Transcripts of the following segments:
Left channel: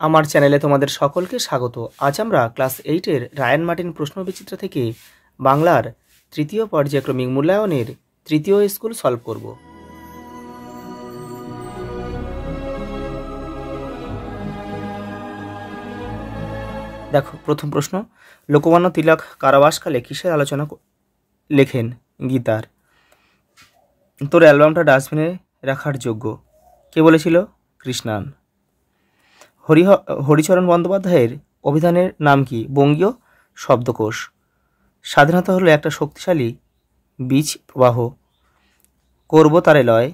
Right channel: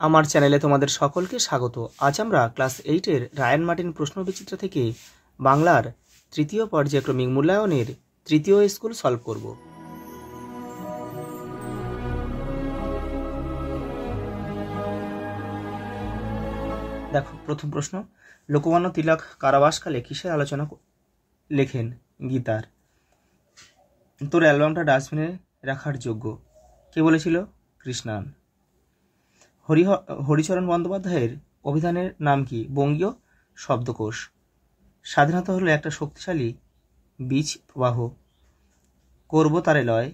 আমার চ্যানেলে তোমাদের সকলকে স্বাগত। আজ আমরা ক্লাস 8-এর রায়ান মার্টিন প্রশ্নবিচিত্রা থেকে বাংলার তৃতীয় পর্যায়ক্রমিক মূল্যায়নের তৃতীয় স্কুল সলভ করব। দেখো, প্রথম প্রশ্ন, লোকমান্য তিলক কারাবাসকালে কিসের আলোচনা লেখেন? গীতার। তোর অ্যালবামটা ডাস্টবিনে রাখার যোগ্য কে বলেছিল? কৃষ্ণান। হরিচরণ বন্দ্যোপাধ্যায়ের অভিধানের নাম কি? বঙ্গীয় শব্দকোষ। স্বাধীনতা হলো একটা শক্তিশালী বীজ প্রবাহ। করব তারে লয়।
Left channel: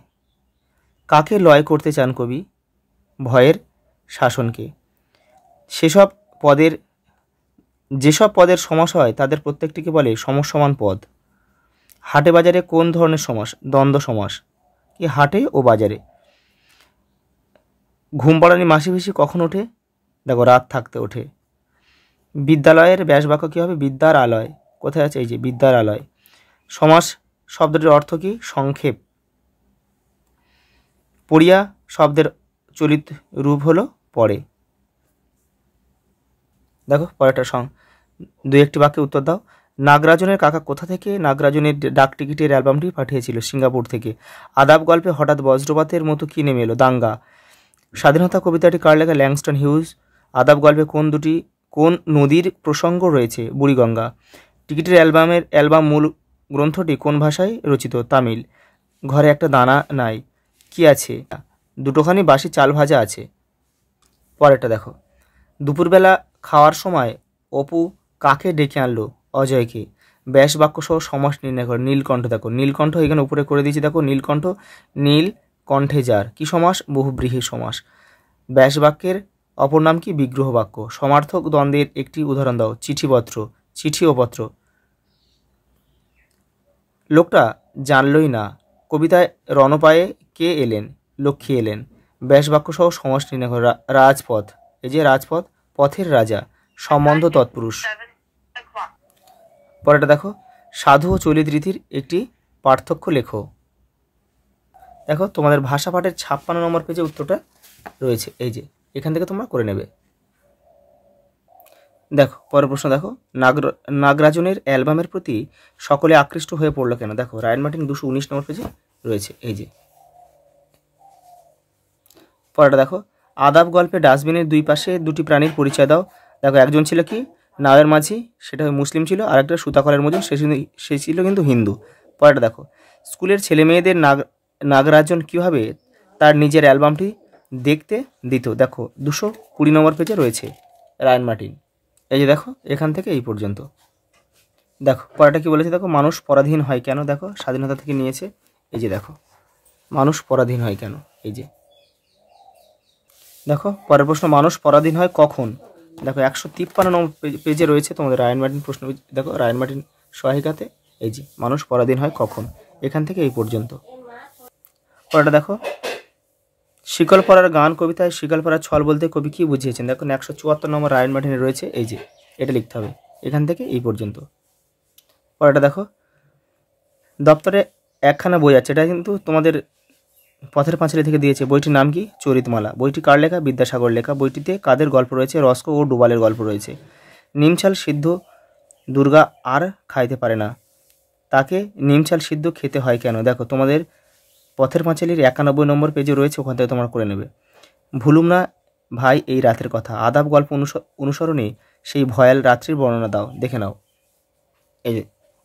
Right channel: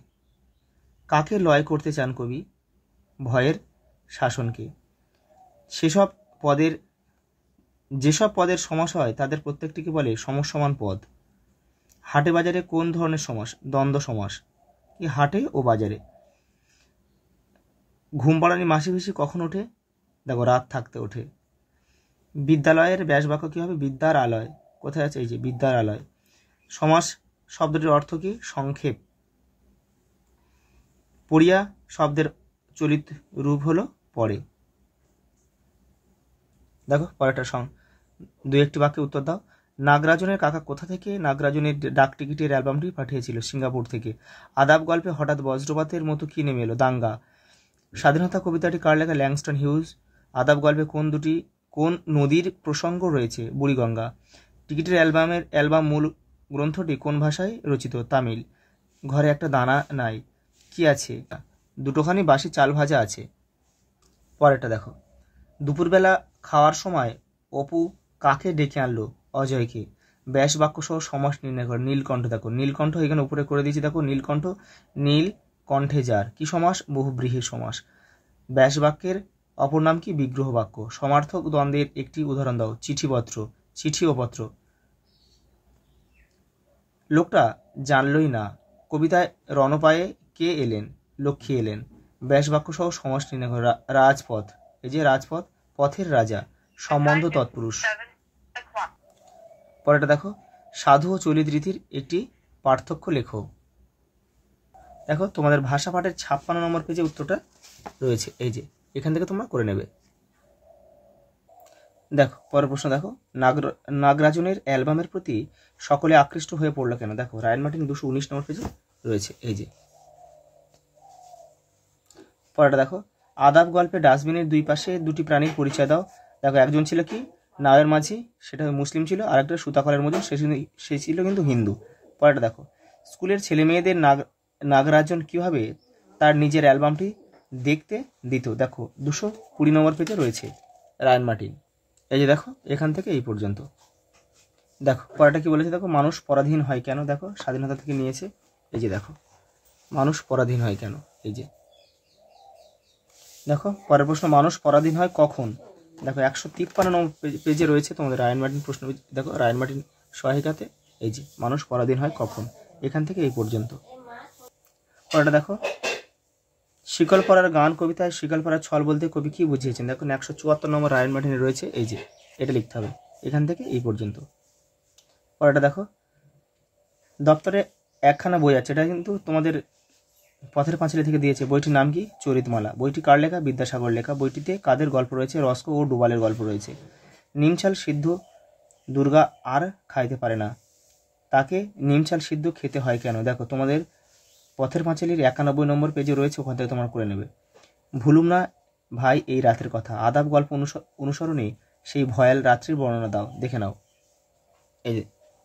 কাকে লয় করতে চান কবি? ভয়ের শাসনকে। যেসব পদের সমাস হয় তাদের প্রত্যেকটিকে বলে সমসমান পদ। হাটে বাজারে কোন ধরনের সমাস? দ্বন্দ্ব সমাস। কি হাটে ও বাজারে? ঘুম পাড়ানি মাসি পিসি কখন ওঠে? দেখো, রাত থাকতে ওঠে। বিদ্যালয়ের ব্যাসবাক্য কী হবে? বিদ্যার আলয়। কোথায় আছে? এই যে বিদ্যার আলয়। সমাস শব্দটির অর্থ কি? সংক্ষেপ। পড়িয়া শব্দের চলিত রূপ হলো পড়ে। দেখো পরেরটা দুই একটি বাক্যে উত্তর দাও। নাগরাজনের কাকা কোথা থেকে নাগরাজনের ডাক টিকিটের অ্যালবামটি পাঠিয়েছিল? সিঙ্গাপুর থেকে। আদাব গল্পে হঠাৎ বজ্রপাতের মতো কি নেমে এলো? দাঙ্গা। স্বাধীনতা কবিতাটি কার লেখা? Langston huge. আদাব গল্পে কোন নদীর প্রসঙ্গ রয়েছে? বুড়িগঙ্গা। টিকিটের অ্যালবাম মূল গ্রন্থটি কোন ভাষায় রচিত? তামিল। ঘরে একটা দানা নাই, কি আছে? দুটোখানি বাসি চাল ভাজা আছে। পরেরটা দেখো, দুপুরবেলা খাওয়ার সময় অপু কাকে ডেকে আনলো? অজয়কে। ব্যাস বাক্য সহ সমাস নির্ণয় করো। নীলকণ্ঠ। দেখো নীলকণ্ঠ এখানে উপরে করে দিয়েছি। দেখো নীলকণ্ঠ, নীল কণ্ঠে যার। কি সমাস? বহুব্রীহি সমাস। ব্যাস বাক্যের অপর নাম কি? বিগ্রহ বাক্য। সমার্থক দ্বন্দ্বের একটি উদাহরণ দাও। চিঠিপত্র। চিঠি ও পত্র। লোকটা জানলই না কবিতায় রণপায়ে কে এলেন? লক্ষ্মী এলেন। ব্যাস বাক্য সহ সমাস নির্ণয় করো। রাজপথ। এই যে রাজপথ, পথের রাজা। সম্বন্ধ তৎপুরুষ। পরেটা দেখো, সাধু ও চলিত রীতির একটি পার্থক্য লেখো। দেখো তোমাদের ভাষা পাঠের 56 নম্বর পেজে উত্তরটা রয়েছে। এই যে এখান থেকে তোমরা করে নেবে। দেখো পরের প্রশ্ন দেখো, নাগরাজনের অ্যালবামের প্রতি সকলে আকৃষ্ট হয়ে পড়লো কেন? দেখো রায়ান মার্টিন 219 নম্বর পেজে রয়েছে। এই যে পরেরটা দেখো, আদাব গল্পে ডাস্টবিনের দুই পাশে দুটি প্রাণীর পরিচয় দাও। দেখো একজন ছিল কি? নাওয়ের মাঝি, সেটা মুসলিম ছিল। আর একটা সুতাকলের মজন, সে ছিল কিন্তু হিন্দু। পরেরটা দেখো, স্কুলের ছেলে মেয়েদের নাগরাজন কীভাবে তার নিজের অ্যালবামটি দেখতে দিত? দেখো 220 নম্বর পেজে রয়েছে রায়ান মার্টিন। এই যে দেখো এখান থেকে এই পর্যন্ত। দেখো পরেরটা কি বলেছে? দেখো মানুষ পরাধীন হয় কেন? দেখো স্বাধীনতা থেকে নিয়েছে। এই যে দেখো মানুষ পরাধীন হয় কেন? এই যে দেখো পরের প্রশ্ন, মানুষ পরাধীন হয় কখন? দেখো 153 নম্বর পেজে রয়েছে তোমাদের রায়ান মার্টিন প্রশ্ন। দেখো রায়ান মার্টিন সহায়িকাতে। এই যে মানুষ পরাধীন হয় কখন, এখান থেকে এই পর্যন্ত। পরেরটা দেখো, শিকলপরার গান কবিতায় শিকলপরার ছল বলতে কবি কি বুঝিয়েছেন? দেখো 174 নম্বর রায়ান মার্টিনে রয়েছে। এই যে এটা লিখতে হবে এখান থেকে এই পর্যন্ত। পরেরটা দেখো, দপ্তরে একখানা বই আছে, এটা কিন্তু তোমাদের পথের পাঁচালী থেকে দিয়েছে। বইটির নাম কি? চরিতমালা। বইটি কার লেখা? বিদ্যাসাগর লেখা। বইটিতে কাদের গল্প রয়েছে? রস্কো ও ডুবালের গল্প রয়েছে। নিমছাল সিদ্ধ দুর্গা আর খাইতে পারে না, তাকে নিমছাল সিদ্ধ খেতে হয় কেন? দেখো তোমাদের পথের পাঁচালীর 91 নম্বর পেজে রয়েছে, ওখান থেকে তোমরা করে নেবে। ভুলুম না ভাই এই রাতের কথা। আদাব গল্প অনুসরণে সেই ভয়াল রাত্রির বর্ণনা দাও। দেখে নাও।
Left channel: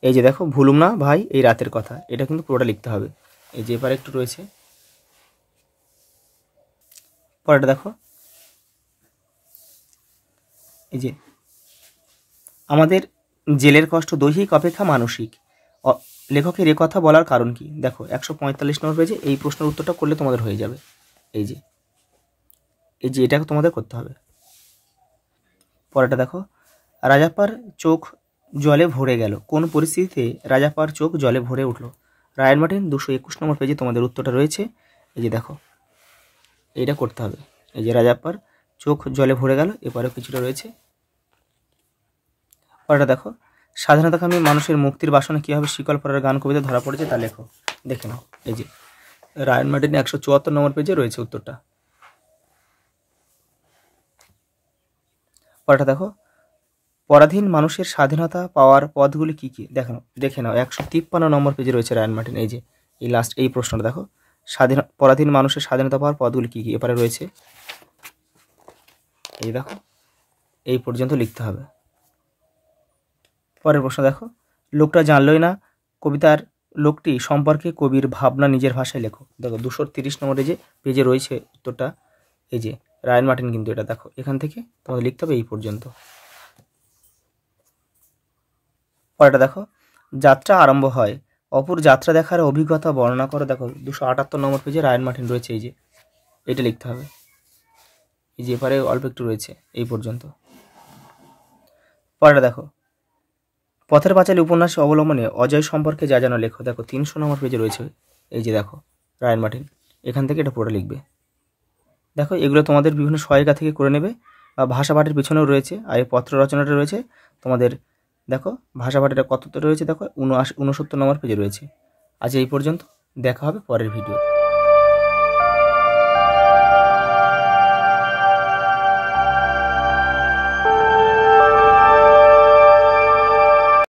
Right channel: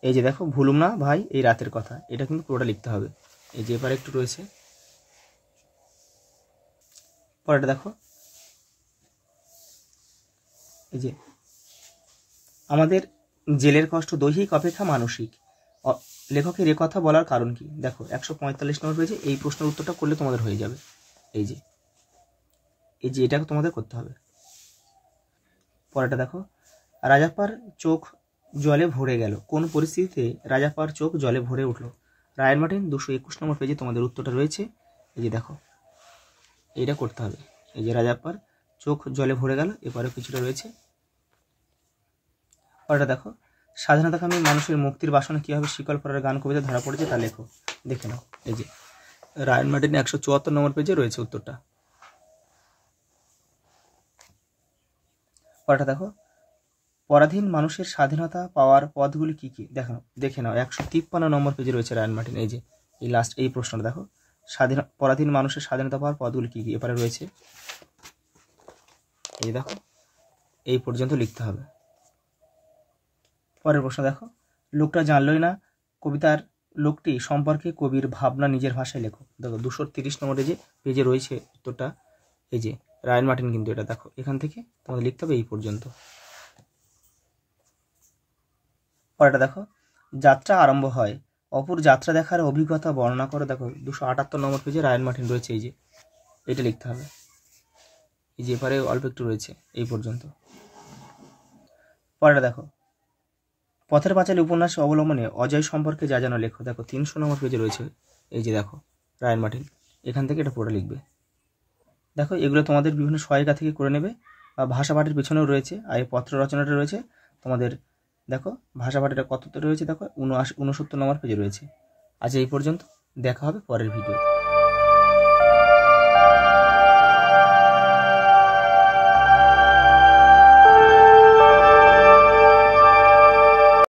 এই যে দেখো, ভুলুম না ভাই এই রাতের কথা, এটা কিন্তু পুরোটা লিখতে হবে। এই যে এবার একটু রয়েছে। পরেরটা দেখো, এই যে আমাদের জেলের কষ্ট দৈহিক অপেক্ষা মানসিক। লেখকের এ কথা বলার কারণ কি? দেখো 145 নম্বর পেজে এই প্রশ্নের উত্তরটা করলে তোমাদের হয়ে যাবে। এই যে এটা তোমাদের করতে হবে। পরেরটা দেখো, রাজাপ্পার চোখ জলে ভরে গেল কোন পরিস্থিতিতে? রাজাপ্পার চোখ জলে ভরে উঠল। রায়ান মার্টিন 221 নম্বর পেজে তোমাদের উত্তরটা রয়েছে। এই যে দেখো এইটা করতে হবে। এই যে রাজাপ্পার চোখ জলে ভরে গেল, এবারে কিছুটা রয়েছে। পরেরটা দেখো, স্বাধীনতাকামী মানুষের মুক্তির বাসনা কীভাবে শিকলপরার গান কবিতা ধরা পড়েছে তা লেখো। দেখে নাও। এই যে রায়ান মার্টিন 174 নম্বর পেজে রয়েছে উত্তরটা। পরেরটা দেখো, পরাধীন মানুষের স্বাধীনতা পাওয়ার পথগুলি কী কী? দেখে নাও 153 নম্বর পেজে রয়েছে রায়ান মার্টিন। এই যে এই লাস্ট এই প্রশ্নটা দেখো, পরাধীন মানুষের স্বাধীনতা পাওয়ার পথগুলি কী কী, এপারে রয়েছে। এই দেখো, এই পর্যন্ত লিখতে হবে। পরের প্রশ্ন দেখো, লোকটা জানলই না কবিতার লোকটি সম্পর্কে কবির ভাবনা নিজের ভাষায় লেখো। দেখো 230 নম্বরে যে পেজে রয়েছে উত্তরটা, এই যে রায়ান মার্টিন কিন্তু এটা দেখো, এখান থেকে তোমাদের লিখতে হবে এই পর্যন্ত। পরেরটা দেখো, যাত্রা আরম্ভ হয়, অপুর যাত্রা দেখার অভিজ্ঞতা বর্ণনা করো। দেখো 278 নম্বর পেজে রায়ান মার্টিন রয়েছে, এই যে এটা লিখতে হবে। এই যে এপারে অল্প একটু রয়েছে এই পর্যন্ত। পরেরটা দেখো, পথের পাঁচালী উপন্যাস অবলম্বনে অজয় সম্পর্কে যা যেন লেখো। দেখো 300 নম্বর পেজে রয়েছে, এই যে দেখো রায়ান মার্টিন, এখান থেকে এটা পুরো লিখবে। দেখো এগুলো তোমাদের বিভিন্ন সহায়িকা থেকে করে নেবে, বা ভাষা পাঠের পিছনেও রয়েছে, আর এই পত্র রচনাটা রয়েছে তোমাদের। দেখো ভাষা পাঠের কতটা রয়েছে, দেখো 69 নম্বর পেজে রয়েছে। আজ এই পর্যন্ত, দেখা হবে পরের ভিডিও।